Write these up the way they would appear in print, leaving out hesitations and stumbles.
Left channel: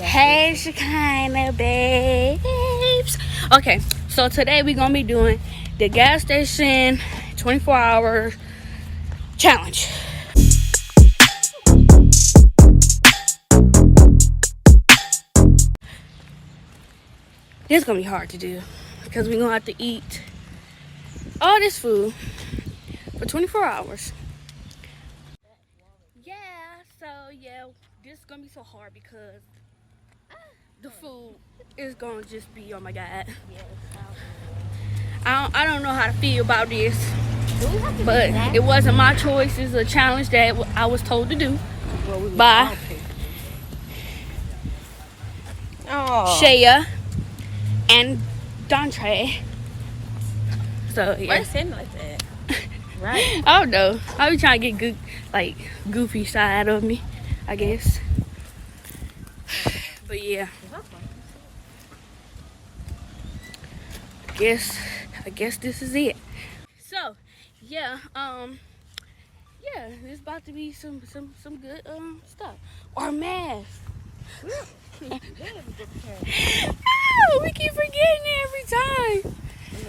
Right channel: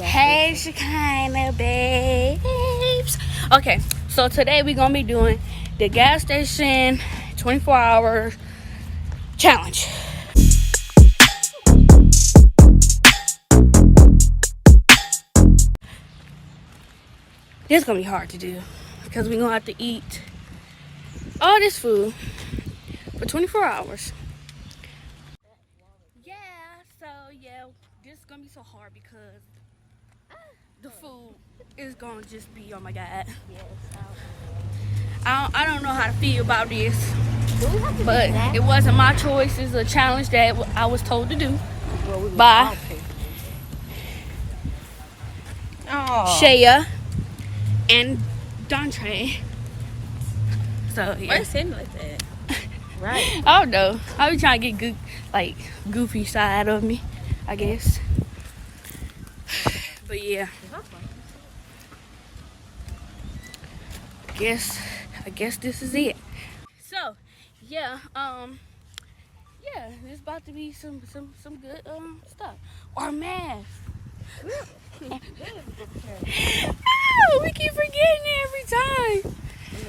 Hey, Shekinah Babes. Okay, so today we're gonna be doing the gas station 24 hours challenge. It's gonna be hard to do because we're gonna have to eat all this food for 24 hours. Yeah, this is gonna be so hard because the food is gonna just be, oh my god. I don't know how to feel about this, but it wasn't my choice. It's a challenge that I was told to do by Shaya and Dontre. So yeah. What's him like that? Right. I don't know. I be trying to get good, like goofy side of me, I guess. But yeah. I guess this is it. So yeah, it's about to be some good stuff. Or math. We keep forgetting it every time.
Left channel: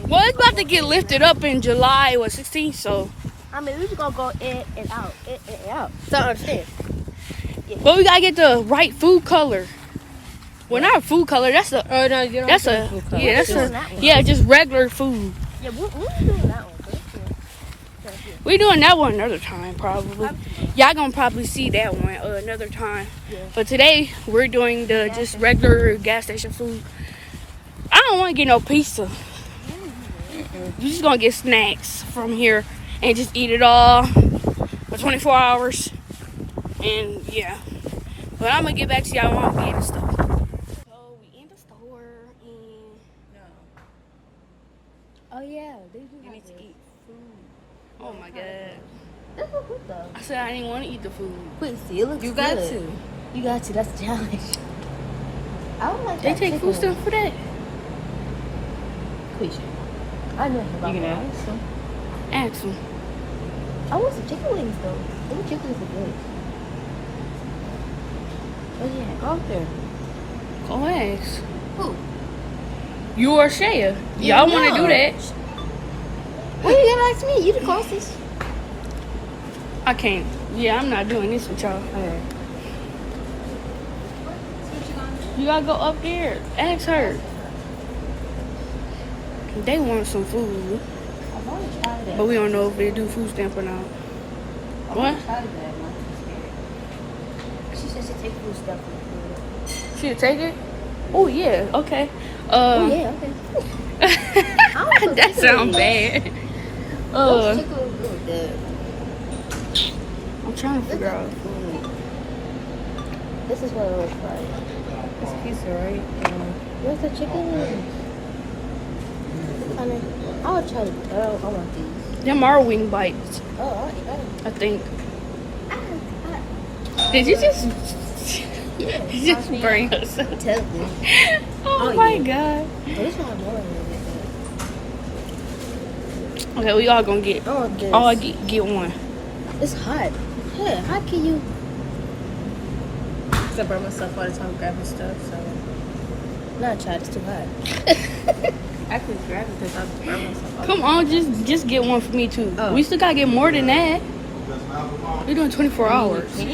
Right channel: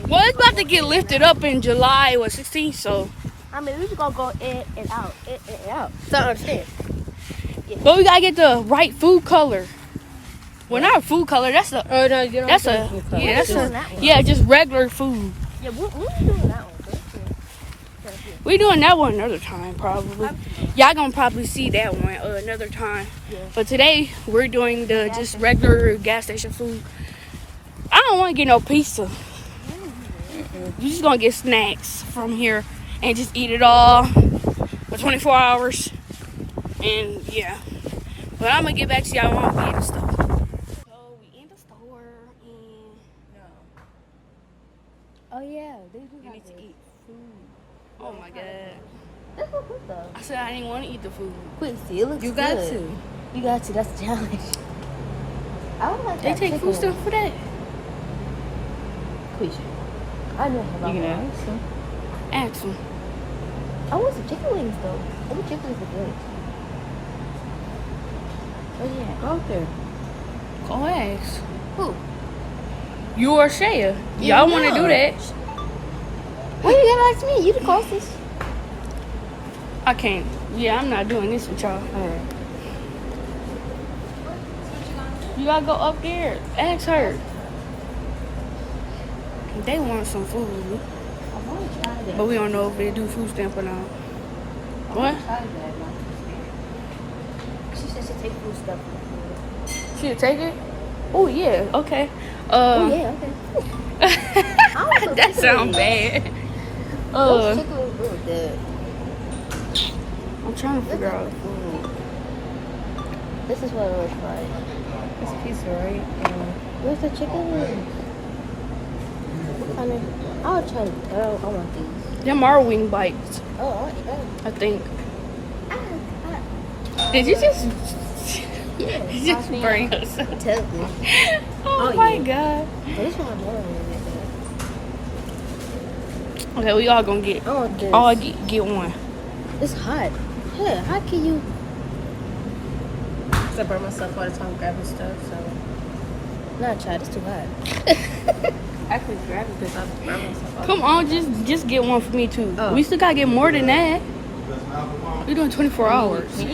Well, it's about to get lifted up in July or 16th, so I mean, we just gonna go in and out, in and out. So understand. Yeah. But we gotta get the right food color. Well, not a food color. That's just regular food. Yeah, we'll do that one. We're doing that one another time, probably. Y'all gonna probably see that one another time. Yeah. But today we're doing the just regular gas station food. I don't want to get no pizza. We're just gonna get snacks from here and just eat it all for 24 hours. And yeah, but I'm gonna get back to y'all when I'm in the store. So we in the store and Oh yeah, they do have to eat food. oh my god. That's what good though. I said I didn't want to eat the food. Quit, see, it looks You good. got to. You got to. That's the challenge. I don't like They that take food stuff for that. Quit. I know about that. Ask them. I want some chicken wings though. I want chicken wings. Oh yeah, okay. Go ask. Who? You or Shaya. Y'all want to do that. Why you gotta ask me? You the closest. I can't. Yeah, I'm not doing this with y'all. Yeah. You gotta go up here. Ask her. They want some food. I've always tried it. But we don't know if they do food stamp or not. What? She said she take food stuff. She'll take it? Oh, yeah. Okay. Oh yeah, okay. That sounds bad. Chicken was really good. I'm trying to figure out. This is what we're trying. This pizza, right? Where's the chicken? I mean, I'll try. I want these. Them are wing bites, Oh, I want these. I think. Did you just bring us up? Tell me. Oh my god. This one, Okay, we all gonna get all get one. it's hot. Yeah, how can you? I burn myself all the time grabbing stuff. So. Not try. It's too hot. I could grab it because I burn myself. Come on, just get one for me too. Oh. We still gotta get more than that. We're doing 24 hours. No. You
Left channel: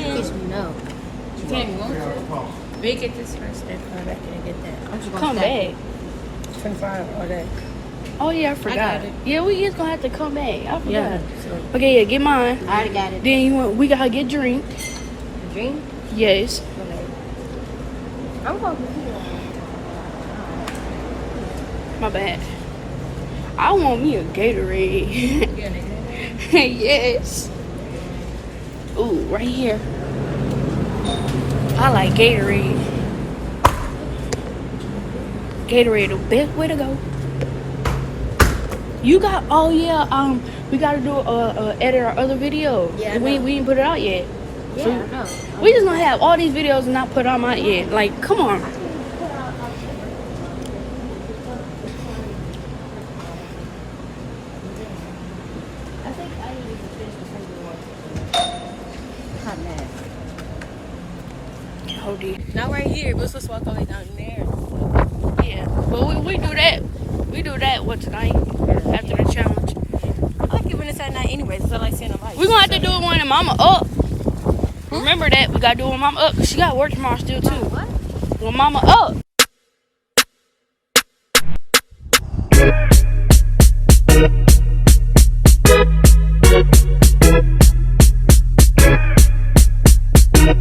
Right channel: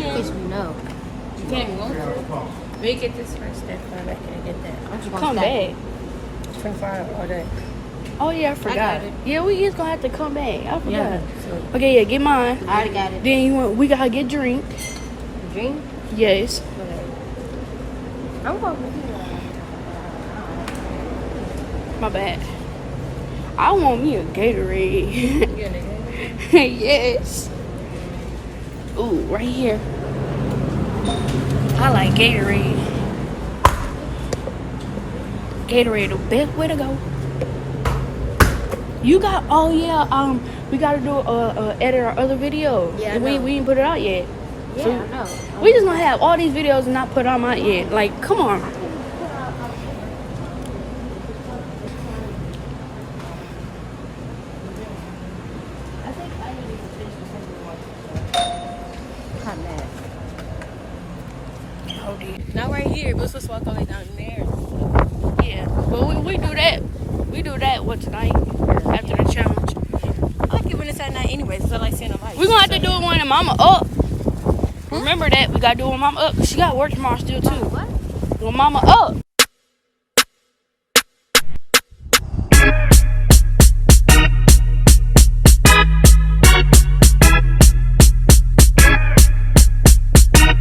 can't even go through. We get this first, then come back and get that. Come back. 24 hours all day. Oh yeah, I forgot. got it. Yeah, we just gonna have to come back. I forgot. Yeah. Okay, yeah, get mine. I already got it. Then we gotta get drink. Drink? Yes. I'm going to My bad. I want me a Gatorade. Yes. Ooh, right here. I like Gatorade. Gatorade, the best way to go. You got, oh yeah, we gotta do edit our other video. Yeah, I we know. didn't put it out yet. Yeah, So I know. we just gonna have all these videos and not put them out yet. Like, come on. I think I need to finish the Hold it. Not right here. here. We're supposed to walk all the way down there. Yeah. But we do that. We do that what tonight after the challenge. I like it when it's at night anyways. It's not like seeing the lights. We're gonna have to do it when the mama up. Remember that. We gotta do it when mama up. She got work tomorrow still too. What? When mama up.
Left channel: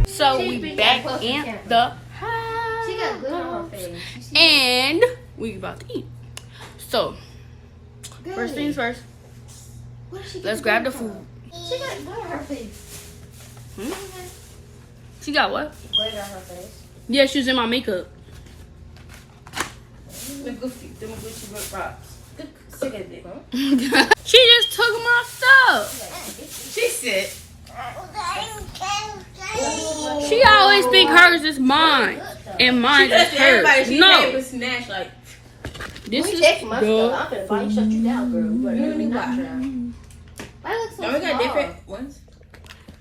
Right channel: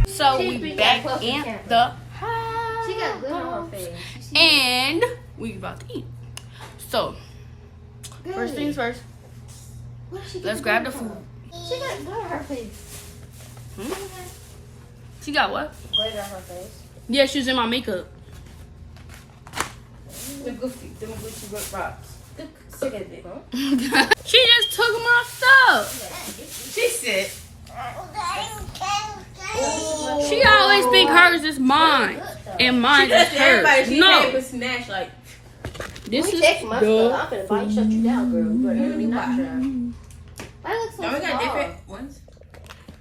So we back in the house. And we about to eat. So first things first. Let's grab the food. She got blood on her face. She got what? Blood on her face. Yeah, she's in my makeup. The Gucci book box. Sick of it, huh? She just took my stuff. She said. She always think hers is mine. And mine is hers. No. Smash, like, This is my good. stuff. I'm gonna probably shut you down, girl. But let me watch her. I look so small. We got different ones?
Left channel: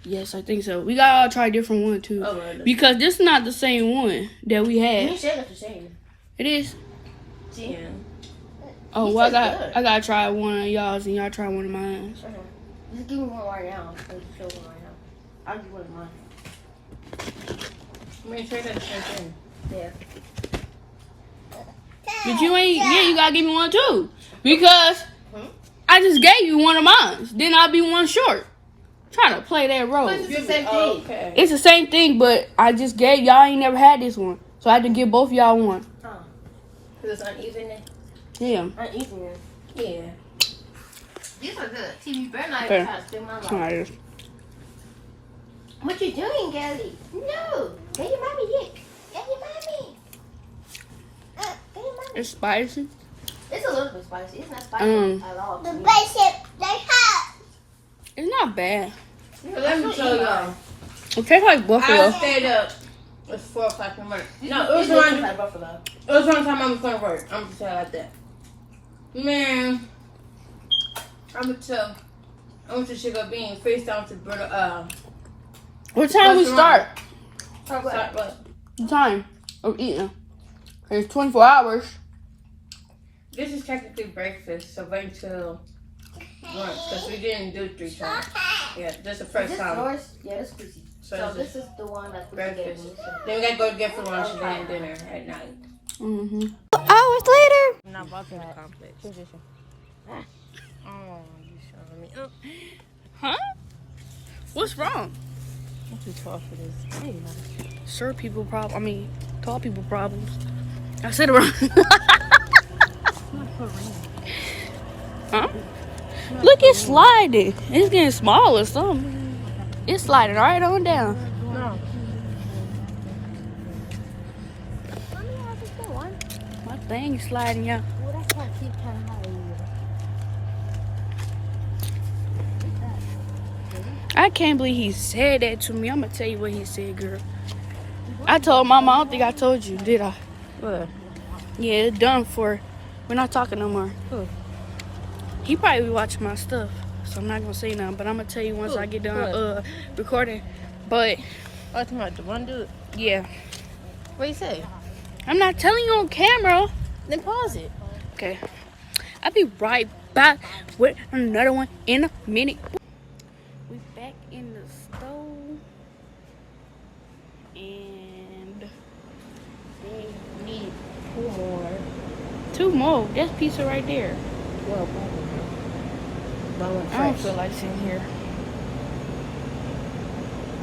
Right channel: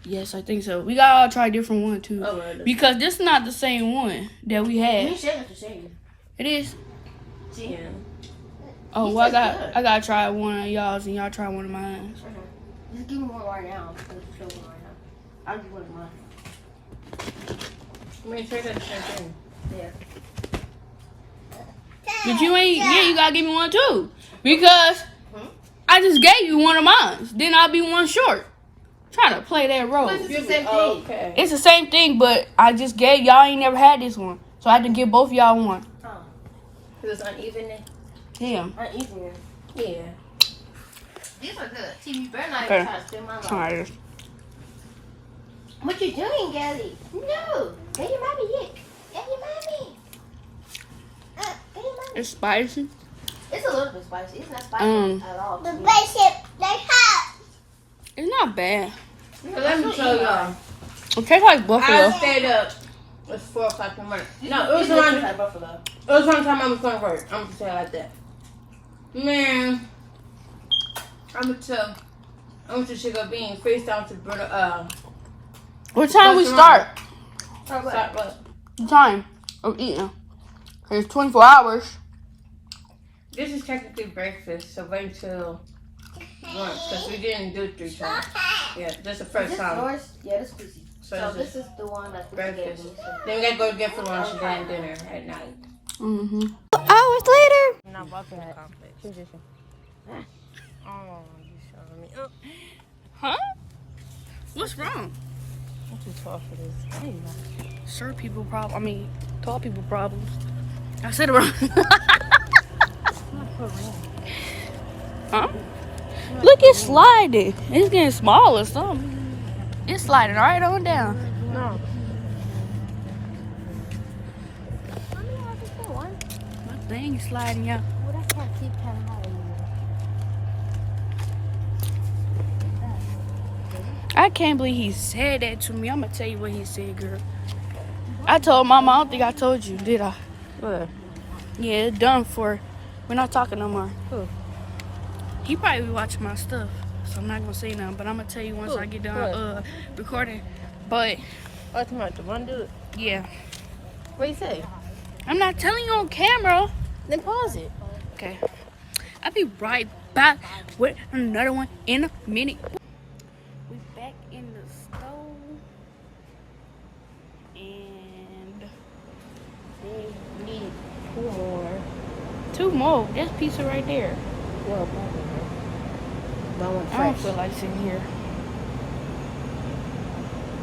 Yes, I think so. We gotta try a different one too. Oh, really? Because this is not the same one that we Me had. and Shay got the same. It is. Yeah. Oh, well, I gotta try one of y'all's and y'all try one of mine. Just give me one right now. Show me right now. I'll give one of mine. Me and Shay got the same thing. Yeah. But you ain't, yeah, you gotta give me one too. Because I just gave you one of mine. Then I'll be one short. Trying to play that role. It's the same thing. Okay. It's the same thing, but I just gave y'all ain't never had this one. So I had to give both of y'all one. Oh. It was uneven. Yeah. Uneven. Yeah. These are good. See, you better not Okay. even try to steal my life. Alright. What you doing, Gally? No. Get your mommy, Yick. Get your mommy. Get your mommy. It's spicy. It's a little bit spicy. It's not spicy at all. The bishop, they have. It's not bad. Let me show y'all. It tastes like I buffalo. stayed up. It's 4 o'clock in the morning. No, it was It's one. like buffalo. It was one time I was going to work. I'm just saying like that. Man, I'm gonna tell. I went to Sugar Bean, FaceTime to brother. What time we start? Stop what? The time of eating. It's 24 hours. This is technically breakfast, so wait till lunch because we didn't do it 3 times. Yeah, this is the first This time. yours? Yeah, this is So this this is the one that we gave breakfast. me. So. Then we gotta go get for lunch and then dinner at night. Mm-hmm. Hours later. I'm not walking the complex. Oh, you showing me up. Huh? What's wrong? I'm too tall for this. There you go. Short people problem. I mean, tall people problems. I said it wrong. Huh? Look, it's sliding. It's getting small or something. It's sliding right on down. My thing's sliding out. Well, that cat keep trying to hide you. I can't believe he said that to me. I'm gonna tell you what he said, girl. I told Mama. I don't think I told you, did I? What? Yeah, it's done for. We're not talking no more. Who? He probably be watching my stuff, so I'm not gonna say nothing. But I'm gonna tell you once I get done recording. But Oh, talking about the one dude? yeah, What you say? I'm not telling you on camera. Then pause it. Okay, I'll be right back with another one in a minute. We back in the stove, and we need 2 more. 2 more. That's pizza right there. That one I don't feel like sitting here.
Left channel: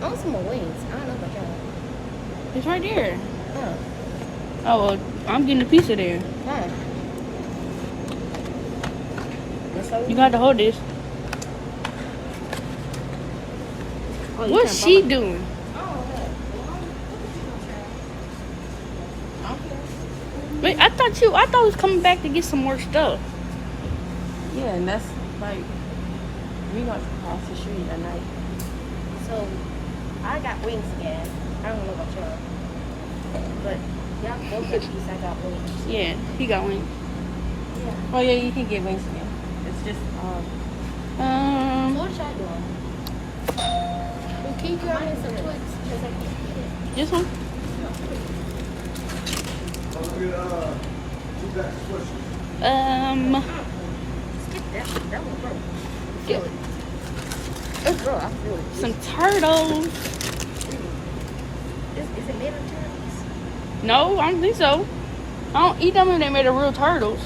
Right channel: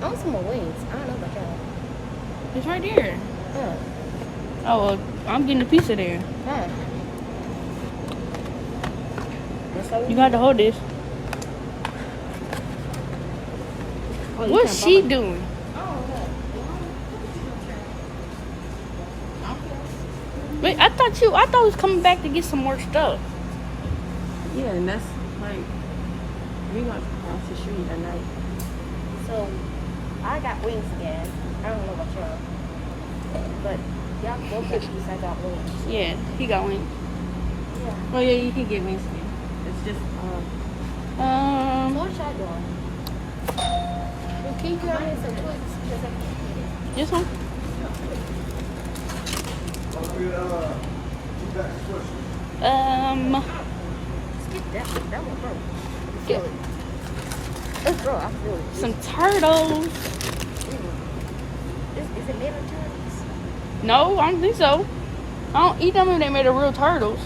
I want some more wings. I don't know about that. It's right there. Yeah. Oh, well, I'm getting the pizza there. Yeah. You got to hold this. What's she doing? Wait, I thought he was coming back to get some more stuff. Yeah, and that's like we got across the street at night. So I got wings again. I don't know about y'all, but y'all both get these. I got wings. Yeah, he got one. Oh yeah, you can get wings again. It's just What y'all doing? Can you get me some Twix? Because I can't get This one? Get some turtles. No, I don't think so. I don't eat them when they made of real turtles.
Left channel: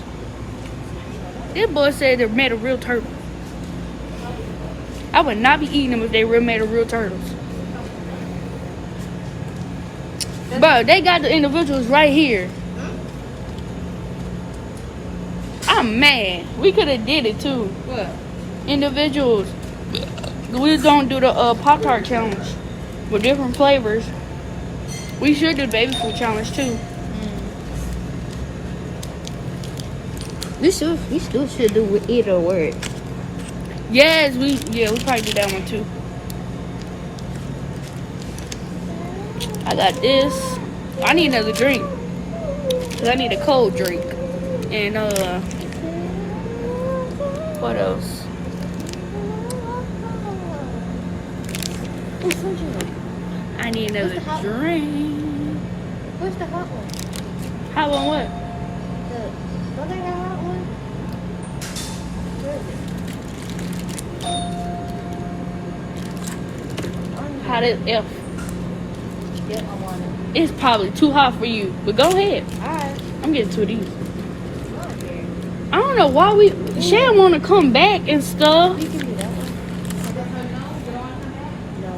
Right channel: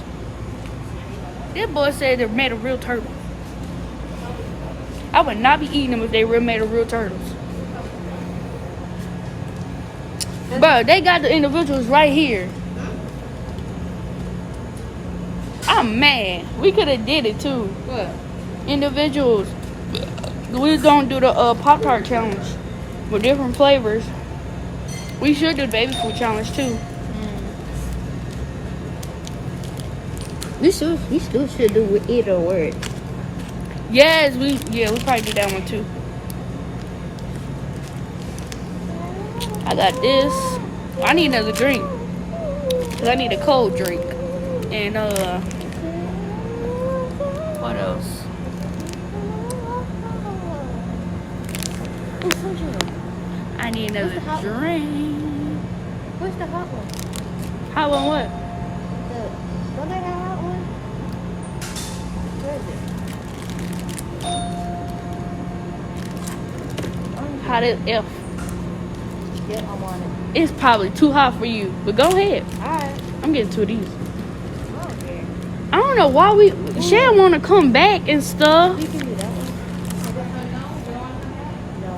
This boy said they're made of real turtles. I would not be eating them if they were made of real turtles. But they got the individuals right here. I'm mad. We could have did it too. What? Individuals. We don't do the Pop-Tart challenge with different flavors. We should do baby food challenge too. We still should do either word. Yes, we probably do that one too. I got this. I need another drink. I need a cold drink. And what else? I need another drink. Who's the hot one? Hot one what? Don't I got a hot one? Where is it? Hot as F. Yeah, I want it. It's probably too hot for you, but go ahead. Alright. I'm getting two of these. I don't know why Shan want to come back and stuff. You can do that. No.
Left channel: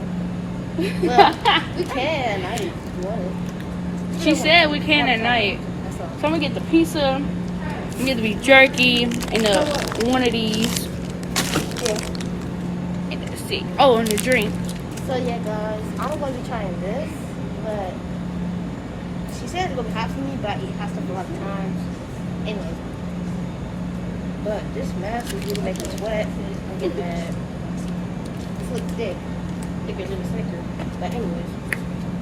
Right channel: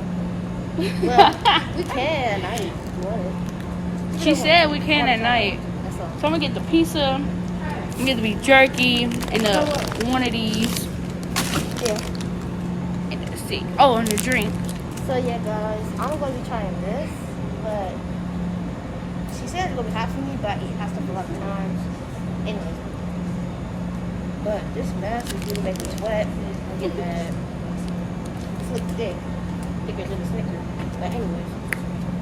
Well, we can at night if you want it. She said we can at night. So I'm gonna get the pizza, I'm gonna get the beef jerky, and one of these. And let's see. Oh, and the drink. So yeah, guys, I'm going to be trying this, but she said it's going to be hot for me, but it has to be a lot of times. Anyways, but this mask is really making me sweat. I'm getting mad. It's like thick. Thicker than a Snickers. But anyways,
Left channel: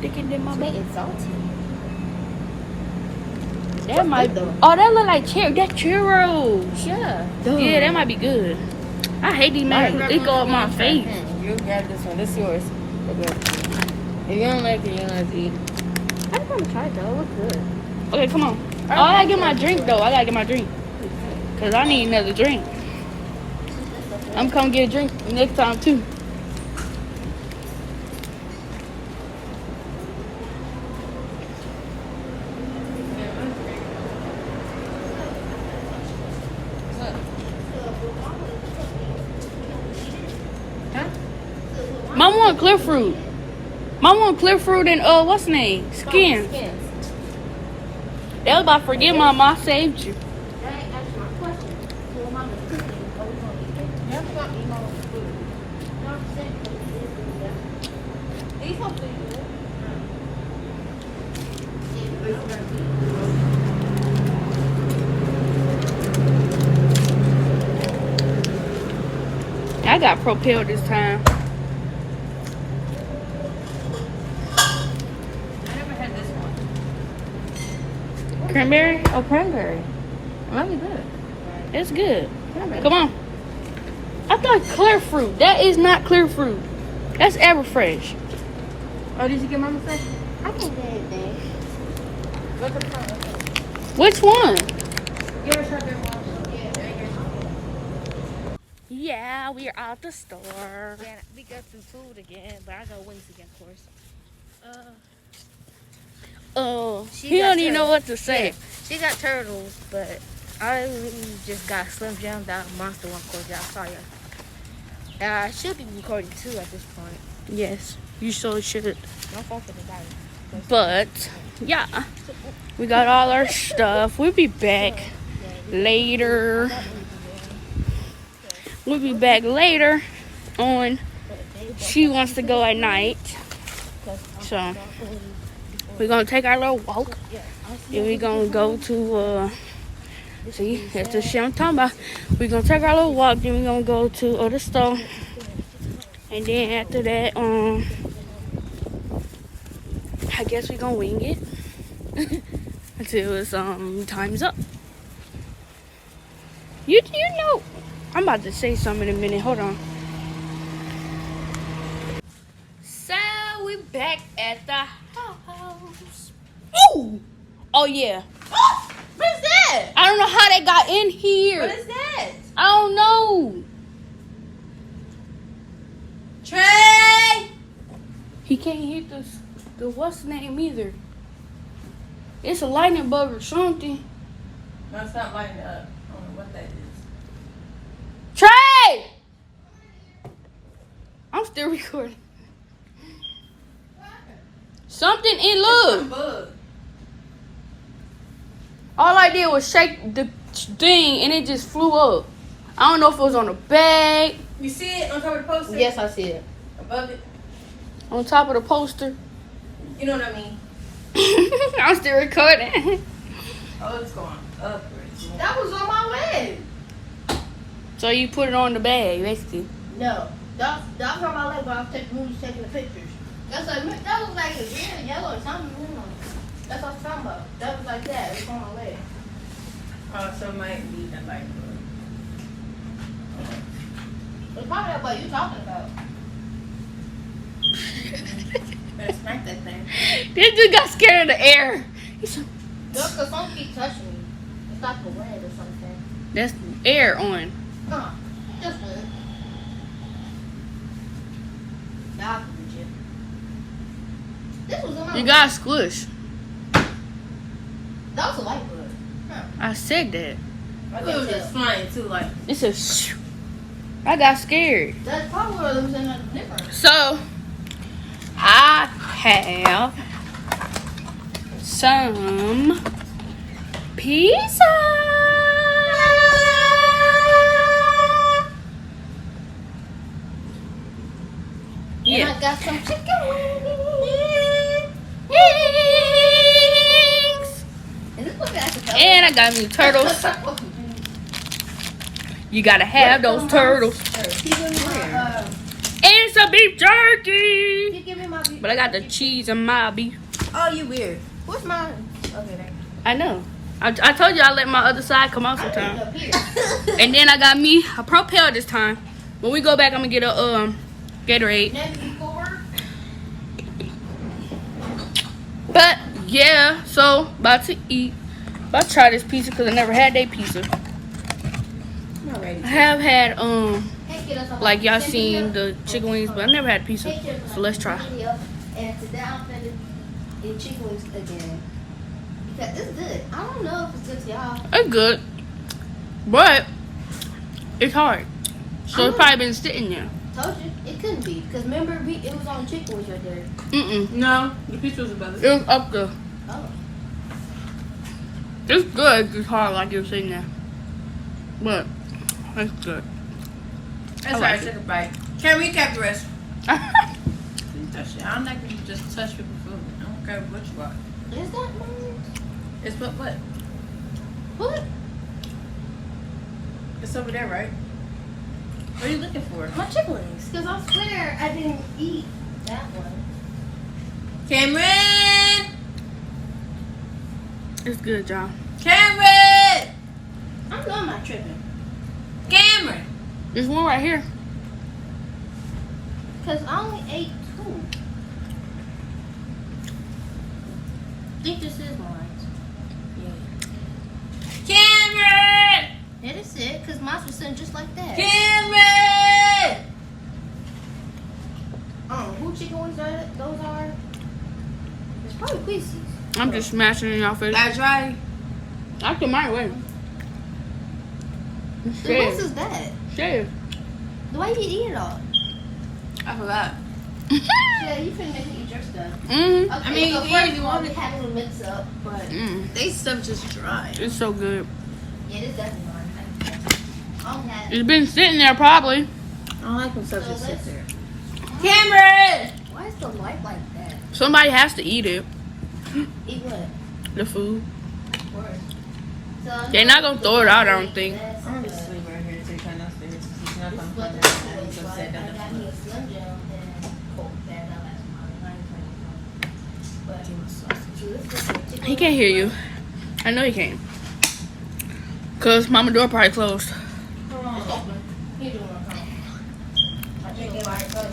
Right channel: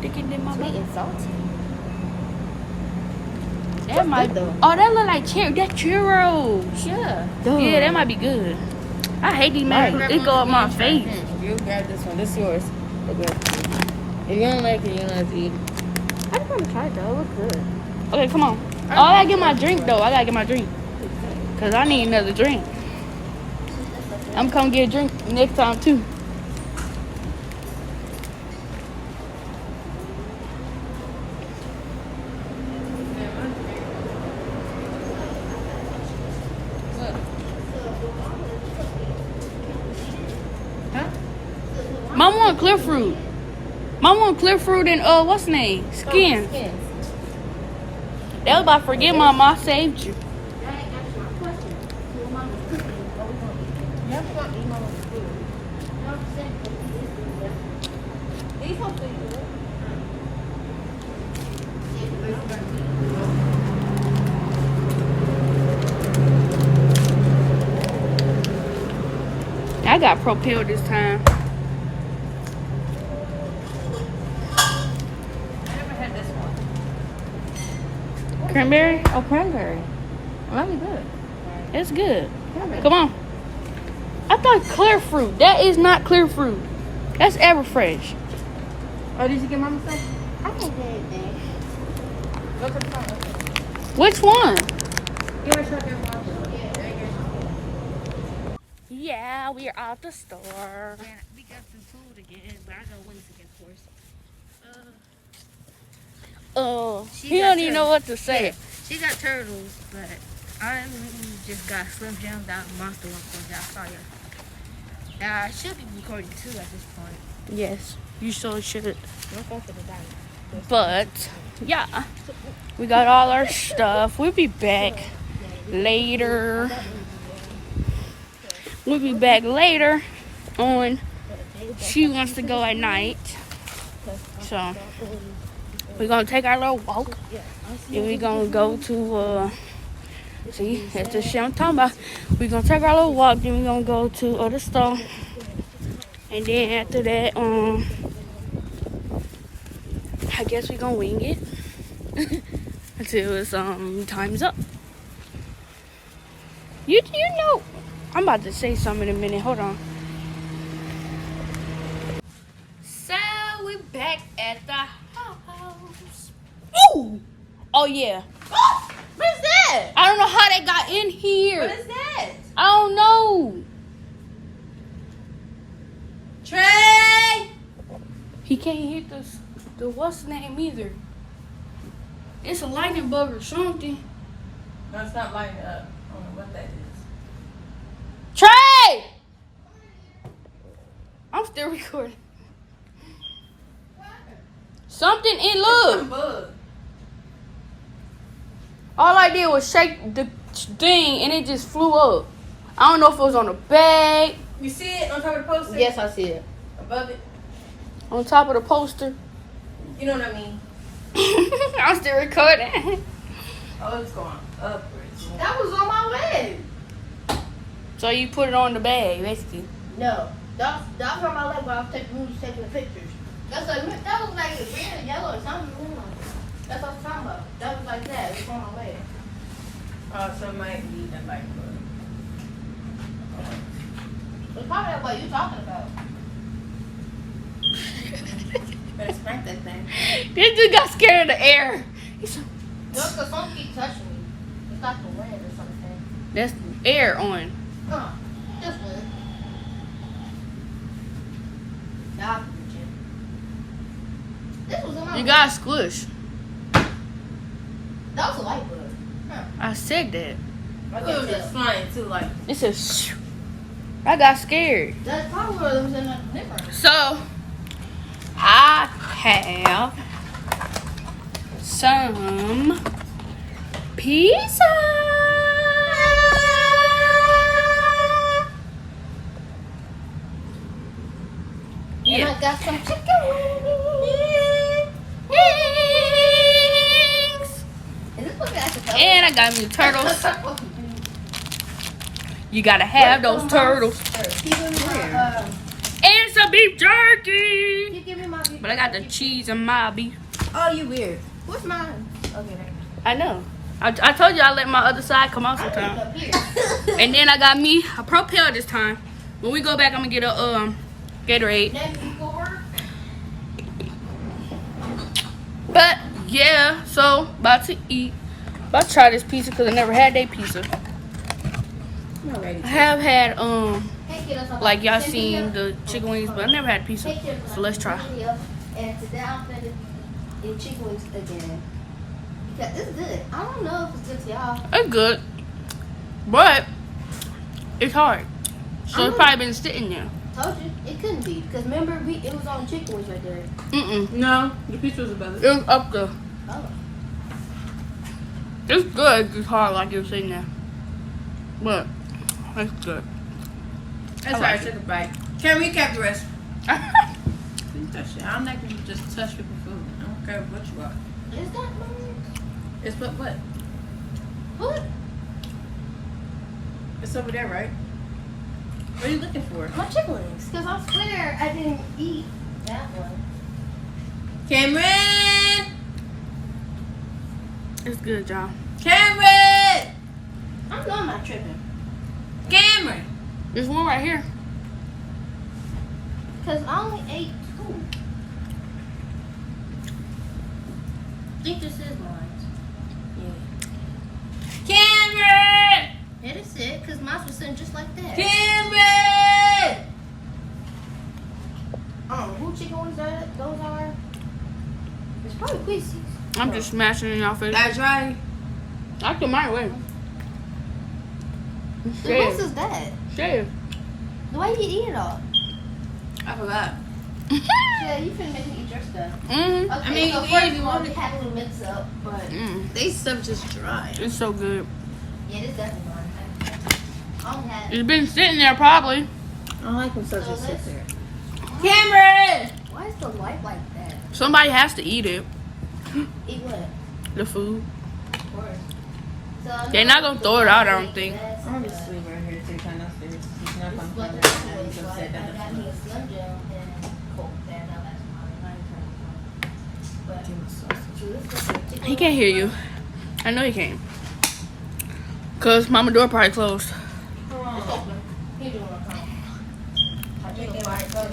Thicker than my butt. it's salty. That might. Oh, that look like that churros. Yeah. Yeah, that might be good. I hate these masks. It go up my face. You got this one. This is yours. If you don't like it, you don't have to eat it. I'm going to try it. That looks good. Okay, come on. Oh, I gotta get my drink though. I gotta get my drink. Cause I need another drink. I'm gonna get a drink next time too. Mom want clear fruit. Mom want clear fruit and what's the name? Skins. They was about to forget Mom, I saved you. I got propelled this time. Cranberry? Oh, cranberry. Really good. It's good. Come on. I thought clear fruit. That is not clear fruit. That's Everfresh. Oh, did you get Mama stuff? I don't know Which one? Yeah, we're out the store. Yeah, we got some food again, but I got wings again, of course. He don't even know what to say. She got turtles, but I really just got Slim Jim, that monster one, of course. Yeah, I saw you. I should be recording too at this point. Yes, you so should. My phone for the night. But yeah, we got all our stuff. We'll be back later. We'll be back later on. She wants to go at night, so we're gonna take our little walk. Then we're gonna go to see, that's the shit I'm talking about. We're gonna take our little walk. Then we're gonna go to the store, and then after that, I guess we're gonna wing it until it's time is up. You know, I'm about to say something in a minute. Hold on. So we're back at the house. Ooh! Oh yeah. that? I don't know how they got in here. What is that? I don't know. Trey! He can't hit the what's the name either. It's a lightning bug or something. No, it's not lighting up. I don't know what that is. Trey! I'm still recording. Something in look. Bug. All I did was shake the thing and it just flew up. I don't know if it was on the bag, You see it on top of the poster? Yes, I see it. Above it? on top of the poster. You know what I mean? I'm still recording. Oh, it's gone. Up. That was on my leg. So you put it on the bag, basically. No, that was on my leg, but I was taking pictures. That was like the green and yellow or something. That's what I'm talking about. That was like that. It was on my leg. So it might be the light bug. It's probably what you're talking about. Better smack that thing. This dude got scared of the air. He's so, Just because something keeps touching me. It's like a web or something. that's air on. Just wet. God, this was on my You got squish. That was a light bulb. I said that. I think it was just flying too, like. It said shh. I got scared. That's probably what it was in the difference. So I have some pizza. And I got some chicken Thanks. And this one got the And I got me turtles. You gotta have those turtles. And some beef jerky. Give me my beef. But I got the cheese and my beef. Oh, you weird. What's mine? Okay, I know. I told you I let my other side come out sometime. And then I got me a Propel this time. When we go back, I'm gonna get a Gatorade. But yeah, so about to eat. About to try this pizza because I never had that pizza. I have had like y'all seen the chicken wings, but I never had pizza. So let's try. And today I'm gonna eat chicken wings again. Because it's good. I don't know if it's good to y'all. It's good, but it's hard. So it's probably been sitting there. Told you it couldn't be. Because remember it was on chicken wings right there. No, the pizza was above it. It was up there. Oh. It's good. It's hard like you're sitting there, but it's good. That's I like right, it. took a bite. Can we recap the rest? You touch it. I'm not going to just touch with the food. I don't care what you are. Is that mine? It's what? What? It's over there, right? What are you looking for? My chicken wings. Because I swear I didn't eat that one. Cameron! It's good, y'all. Cameron! I'm going my tripping. Cameron! There's one right here. Because I only ate 2. I think this is mine. Cameron! That is it, because mine was sitting just like that. Cameron! I don't know who chicken wings those are. It's probably Quincy. I'm just smashing it in y'all face. I tried. I took mine away. What Shit. is that? Shit. Why did you eat it all? I forgot. Yeah, you finna make me eat your stuff. Mm. I mean, so yeah, first you one, want we it. had a mix up, but Mm. They stuff just dry. It's so good. yeah, this definitely mine. I'll have It's been sitting there probably. I don't like when stuff So just sits let's- there. Cameron! Why is the light like that? Somebody has to eat it. Eat what? The food. So They're not gonna throw it out, I don't think. I'm just sleep right here till you come downstairs. She's not This gonna weather put is it good, in. so I got me a Slim Jim and Coke there. He can't hear you. I know he can't. Cause mama door probably closed. I drink it like good,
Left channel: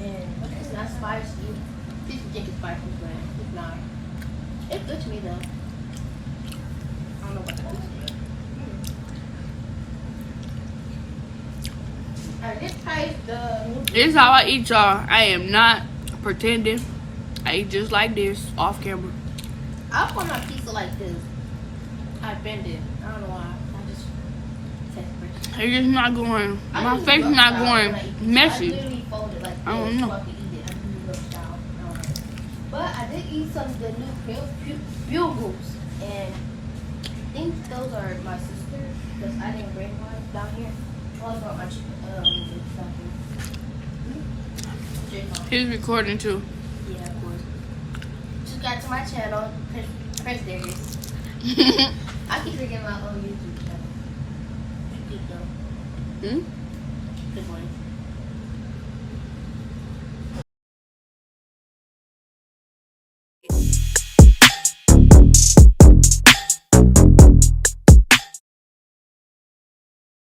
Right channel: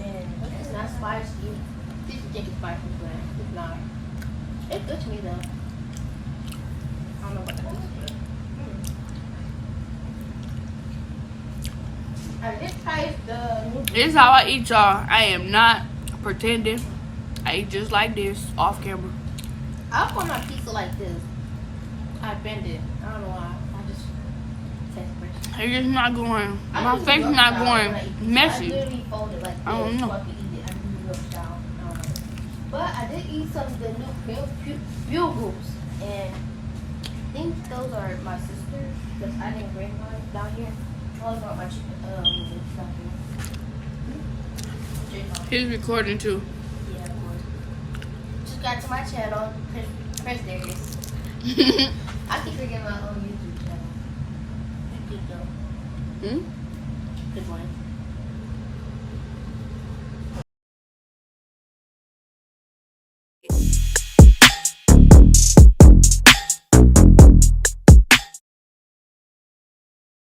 and it's not spicy. People think it's spicy, but it's not. It's good to me though. I don't know what This is how I eat, y'all. I am not pretending. I eat just like this, off camera. I'll put my pizza like this. I bend it. I don't know why. I just take it. It's just not going. My face is not going messy. I literally fold it like this. I don't know. So I can eat it. I can do it style. But I did eat some of the new bugles. And I think those are my sister's. Because I didn't bring one down here. Well, I brought my chicken. He's recording too. Yeah, of course. Subscribe to my channel. Press there it is. I keep forgetting my own YouTube channel. Hmm?